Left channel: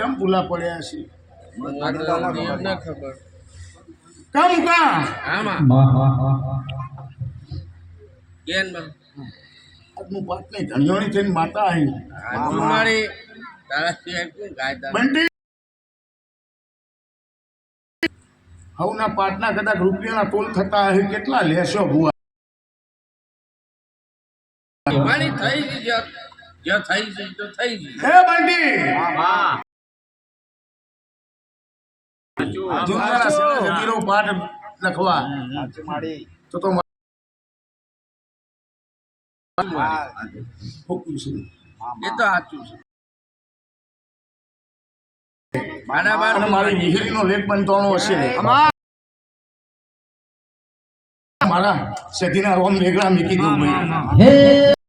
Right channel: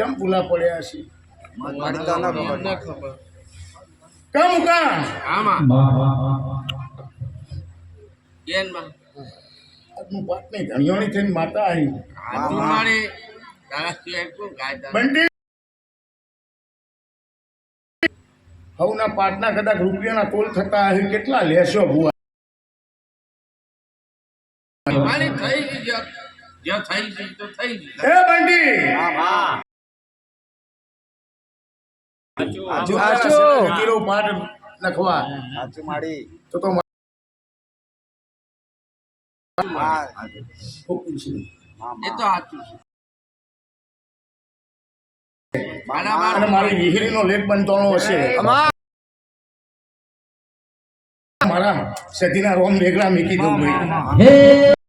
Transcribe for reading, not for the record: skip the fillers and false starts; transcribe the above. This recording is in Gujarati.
ચમ ભૂલા પડ્યા છે મને ખબર કમ કા આમાં કેનમાં આજનું પાટ નહીં ધણિયોની થઈને માતા આવી આજુ મારી તારા સિવાય કોણ કાયદા બંટી હવના પાટના કદાચ રૂપિયાના તોલ થતા હશે કેટલા લેશો ભુવા મારી થઈ ગઈ જો થઈ ગઈ તો થઈ ગઈ હે બંટી જીરો પાટ લખવા તો એ તો સાચું છે બરાબર અને મારી વિહિરીનો લેખ બનવાનો હશે મારા સતીના રોમ વેગળા મૂકી દઉં